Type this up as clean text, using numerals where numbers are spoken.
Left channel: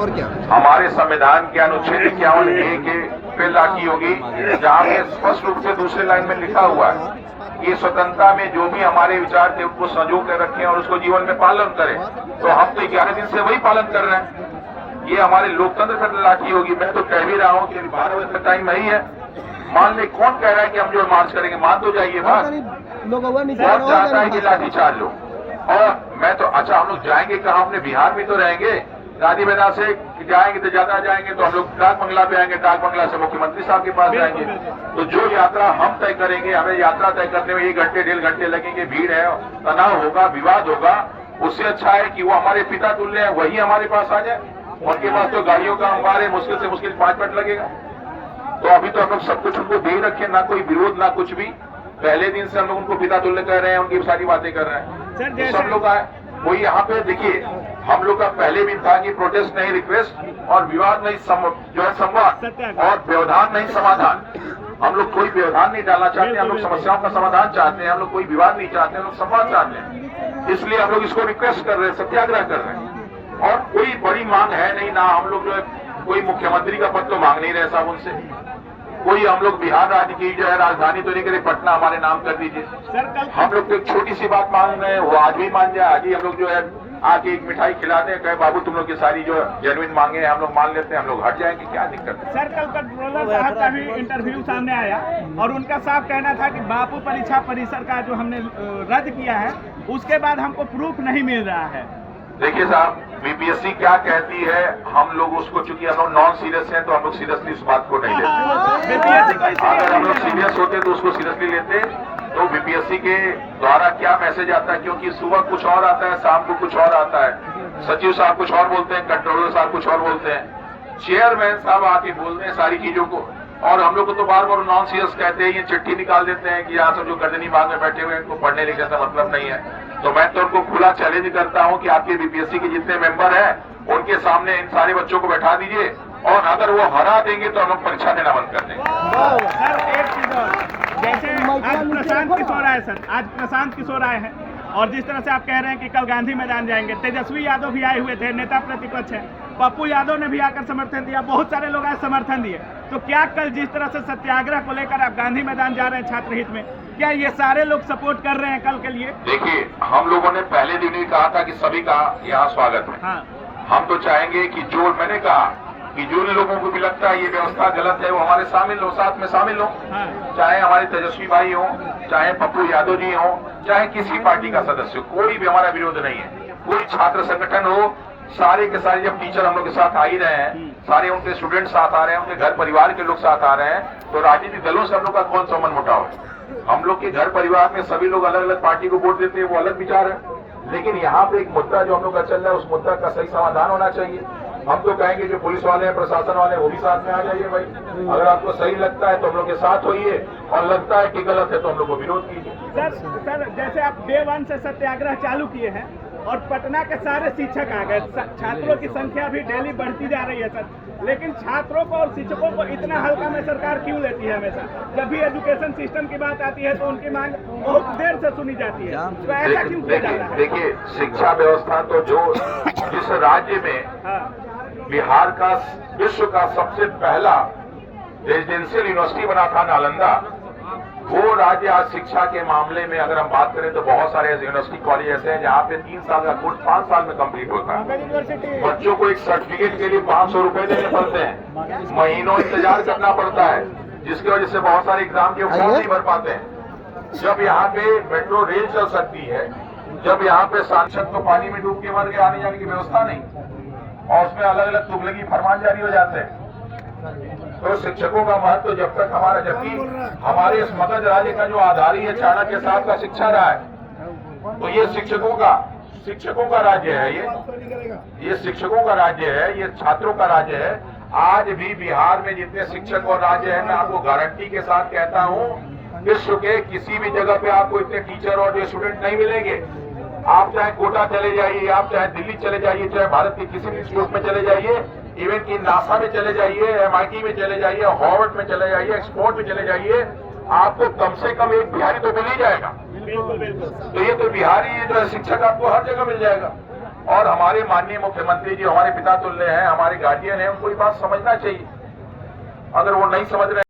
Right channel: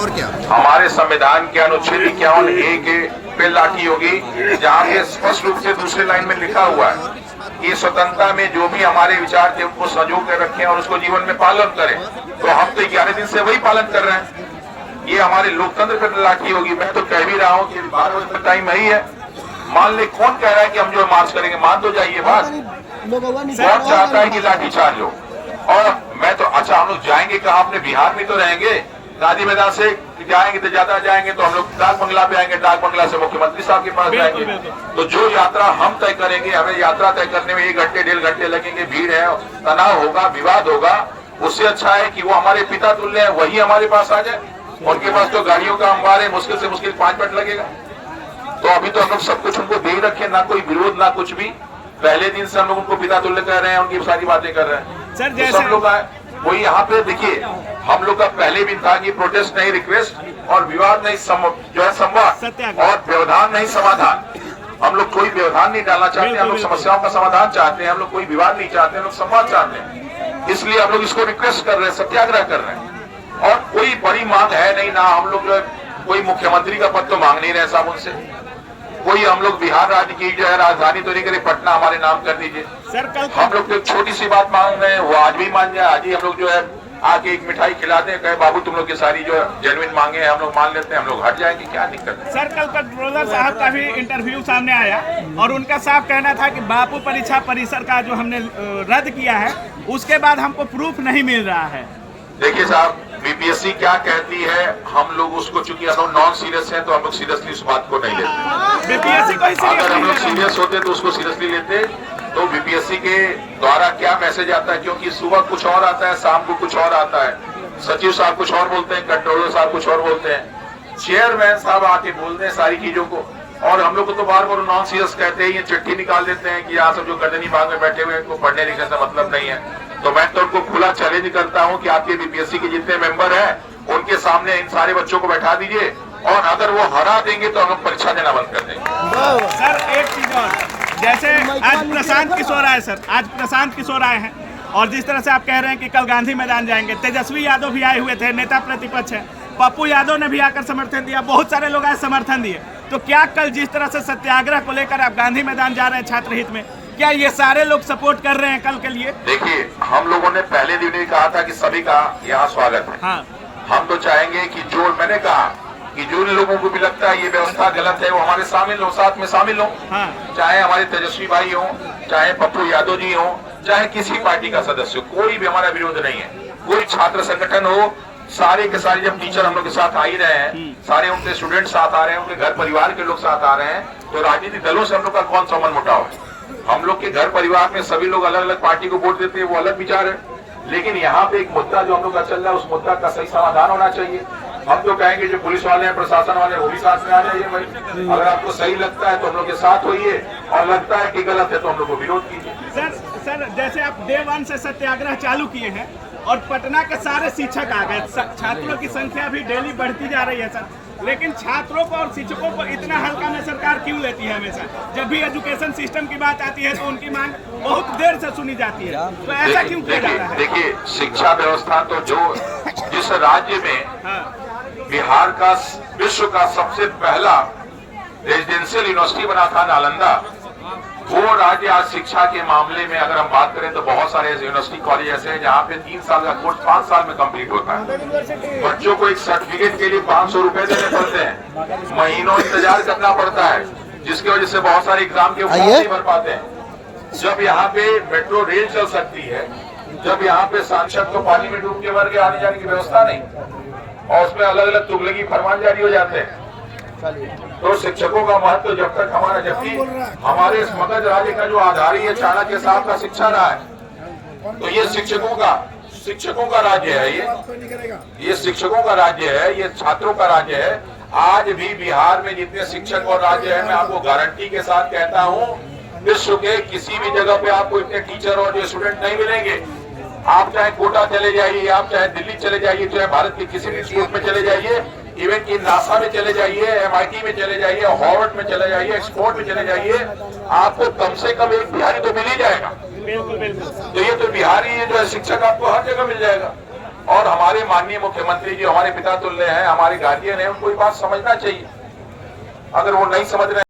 और क्या हमारे संविधान के अनुच्छेद 51A के पे लाठी होगी, जहाँ पे स्पष्ट रूप से दूसरे लाइन में लिखा हुआ है कि स्वतंत्रता में जो भी हमारे विचार थे उनको संजो कर रखें और उसको जीवन में पालन करें। तो हम तो 11 दिन से वही पालन कर रहे हैं। ये हमारे लोकतंत्र पर लाठी होगी। मैं तो कह भी रहा हूँ कि 12 बजे तक टाइम नहीं है। मान ले कौन कह रहा है कि हम जो मार्च करेंगे, मान तो जाइए बात। कौन चाहता है कि लाठी चार्ज हो? और मैं तो अच्छा, हम लोग जाएंगे कहाँ? अपने बिहार में तो रहेंगे। गांधी मैदान से जाएंगे तो ज्यादा जाएंगे तो हम लोग डाक बंगला पे आएंगे, डाक बंगला से मुख्यमंत्री साहब के पास जाएंगे। तो जो यात्रा हम तय करेंगे, हमें यात्रा तय करने में 1 घंटे 1.5 घंटे लगेंगे। भीड़ है, तनाव होगा, विवाद होगा। उससे अच्छा है कि वो हमारे पिता तुल्य है, वही हमारे पास आ जाए। उनके पास तो गाड़ियों का अंबार है, मुश्किल से मुश्किल 5 मिनट लगेगा। तो अभी तो हम लोग सब कुछ उनको दे ही रखे, ना कोई विरोध ना कुछ भी। पहले दिन से हम लोग उनको पिता तुल्य कह रहे हैं, उनकी सारी बातें कर रहे हैं। सर, तो सब लोग आए वही यहाँ पे। देखिए, हम लोग का पहले भी था कि प्रोटेस्ट नहीं रिक्वेस्ट, और विवाद नहीं जो है संवाद, और व्यवधान नहीं समाधान। हम लोग कोई व्यवधान नहीं डालना चाहते, हम लोग समस्याओं का समाधान चाहते हैं। हम लोग कोई विवाद नहीं चाहते, हम लोग संवाद चाहते हैं। इसलिए हम लोग इसको रिक्वेस्ट कर रहे हैं, सत्याग्रह कर रहे हैं। और कोई बड़ी मांग है नहीं ना। हम लोग कोई मुख्यमंत्री का पद तो मांग नहीं रहे साहब उनसे। कोई हम लोग बिहार राज्य की जो है राजधानी तो नहीं करे, पटना हमारे नाम कर दीजिए। हम लोग तो एक छोटी सी बात मांग रहे हैं, वो आज भी मान जाए। आज ही हम लोग जो है आके एक मिठाई खिलाते हैं, कहे बाबू तुम लोग की सारी जो जेन्युइन मांगे हैं हम लोग मान लेते हैं, हम लोग हट जाएंगे, क्या दिक्कत है? सर, कल कंट्रोलर साहब का भी इंटरव्यू सामने आया और उनका साफ कहना था कि बापू परीक्षा परिसर का जो हमने रद्द किया है उसके बाद हमको प्रूफ नहीं मिल रहा है। देखिए साहब, बीपीएससी क्या कहती है, हम लोग उसको, चूंकि हम लोग नॉन सीरियस हैं तो हम लोग सीरियसली उस बात को नहीं लेते। बीपीएससी को अगर हम लोग सीरियस होते तो उसको सीरियसली लेते। तो बीपीएससी के द्वारा क्या मैसेज आता है, क्योंकि सुबह कुछ और आता है, शाम को कुछ और आता है। सचिव साहब कुछ और बोलते हैं, कंट्रोलर साहब कुछ और बोलते हैं, चेयरमैन साहब आके बोलते हैं सारी चीजों को। और हम लोग को तो बार बार नॉन सीरियस कहते हैं, ये चिट्ठी निकाल देते हैं कि यहाँ सब जो गर्दनी बाग में बैठे हुए हैं उनको पढ़ने लिखने का मतलब नहीं है। तो मैं तो उनको खुला चैलेंज करता हूँ कि आपके बीपीएससी के जितने मेंबर हैं उनके सामने इन सारे बच्चों को बैठा दीजिए, और अगर वो हरा देंगे तो हम लोग परीक्षा देना बंद कर देंगे। सर, एक चीज और, जैसे आज प्रशांत किशोर आए सर, आज प्रशांत किशोर आए हैं और जिस तरह से आप कह रहे हैं कि कल गांधी मैदान जाएंगे, तेजस्वी यादव भी आए हुए थे, नेता प्रतिपक्ष है, पप्पू यादव ने भी आकर समर्थन दिया, बहुत सारे लोग आज समर्थन दिए। तो क्या कल जिस तरह से सत्याग्रह को लेकर आप गांधी मैदान जा रहे हैं छात्र हित में, क्या ये सारे लोग सपोर्ट कर रहे हैं कल के लिए? देखिए, हम लोगों ने पहले दिन ही कहा था कि सभी का यहाँ स्वागत है। हाँ। हम तो चाहेंगे कि जो मैंने कहा कि जो लोगों को भी लगता है ये व्यवस्था गलत है वो हमारे शामिल हो, साथ में शामिल हो। हाँ। चाहे हमारे तेजस्वी भाई हो, चाहे पप्पू यादव जी हो, चाहे किसी पार्टी का सदस्य, कोई भी हमारा विरोध नहीं है। कोई छात्र संगठन हो, सारे के सारे जब टीचर हम लोग के साथ आ ही रहे हैं, सारे उनके स्टूडेंट साथ आ रहे हैं, उनके घर परिवार के लोग साथ आ रहे हैं, तो राजनीतिक दलों से हम लोग का कौन सा मन मुटाव है? हम लोग के घर परिवार में सभी लोग अलग अलग पार्टी को वोट देते हैं, वो अलग विचार है। लेकिन यहाँ पे एक मुद्दा जो हम लोग का चल रहा है, उस मुद्दा का सही समाधान होना चाहिए। हम तो कहेंगे जो पुलिस वाले हैं, प्रशासन वाले, वो भी साथ में आ जाइए भाई। अगर आपको सही लगता है तो हम लोग के साथ होइए, और लगता है कि गलत है तो हम लोग को विरोध कीजिए। सर, जैसे आप डे 1 से सत्याग्रह चालू किए हैं और पटना के सारे शिक्षक आ गए, छात्रों की संख्या भी डेली बढ़ती जा रही है सर, लेकिन छात्रों को और शिक्षकों को इतना हल्का में सरकार क्यों लेती है? हमेशा जब भी एजुकेशन सिस्टम की बात आती है तो उनकी मांग बहुत देर से सुनी जाती है, तो ऐसा क्यों किया जा रहा है? देखिए, शिक्षा व्यवस्था तो जो जिस राज्य में बिहार का विश्व का सबसे पहला रेजिडेंशियल यूनिवर्सिटी बना था, नालंदा, वो राज्य आज शिक्षा के मामले में अगर हम बात करें तो बहुत सारे यूनिवर्सिटी कॉलेज ऐसे हैं जहाँ पे 3 साल का कोर्स 5 साल में कंप्लीट होता है। बच्चों को एक सर्टिफिकेट के लिए 500 रुपए देने पड़ते हैं, महीनों इंतजार करना पड़ता है, जिसकी वजह से बहुत सारे एग्जाम के फॉर्म नहीं भर पाते हैं। जब यहाँ पे मेट्रो रेल चल सकती है, जब यहाँ पे सांसद को पानी में डूब के मर के आने जाने की व्यवस्था नहीं, और उसमें अलग अलग तुगलकी फरमान जारी हो जाते हैं, तो शिक्षकों का महत्व जब तक हमारा, जबकि हमारे इस मगध राज्य का जो आधार है चाणक्य साहब का शिक्षा रहा है, तो ये शिक्षकों का राज्य है, ये शिक्षकों का राज्य है, ये छात्रों का राज्य है। आज भी बिहार में जितने शिक्षक और राज्य है, मैं आपको गारंटी के साथ कहता हूँ, विश्व के किसी भी जगह पे आपको इतने टीचर और स्टूडेंट नहीं मिलेंगे। आप चाहे कोटा चले जाइए, आप चाहे दिल्ली चले जाइए, चाहे भारत के किसी भी इंस्टीट्यूट में चले जाइए, इवन कि नासा में चले जाइए, MIT में चले जाइए, हार्वर्ड में चले जाइए, एक्सपोर्ट में चले जाइए, आपको कम से कम एक बिहारी तो मिल ही जाएगा। बिल्कुल बिल्कुल। तो ये तो बिहारी जो है शिक्षक आपको हर जगह मिल जाएगा। और हमारे माननीय मुख्यमंत्री जी हमारे पिता तुल्य हैं, हमारे गार्जियन हैं, उनको ये बात समझना चाहिए। अगर वो नहीं समझ रहे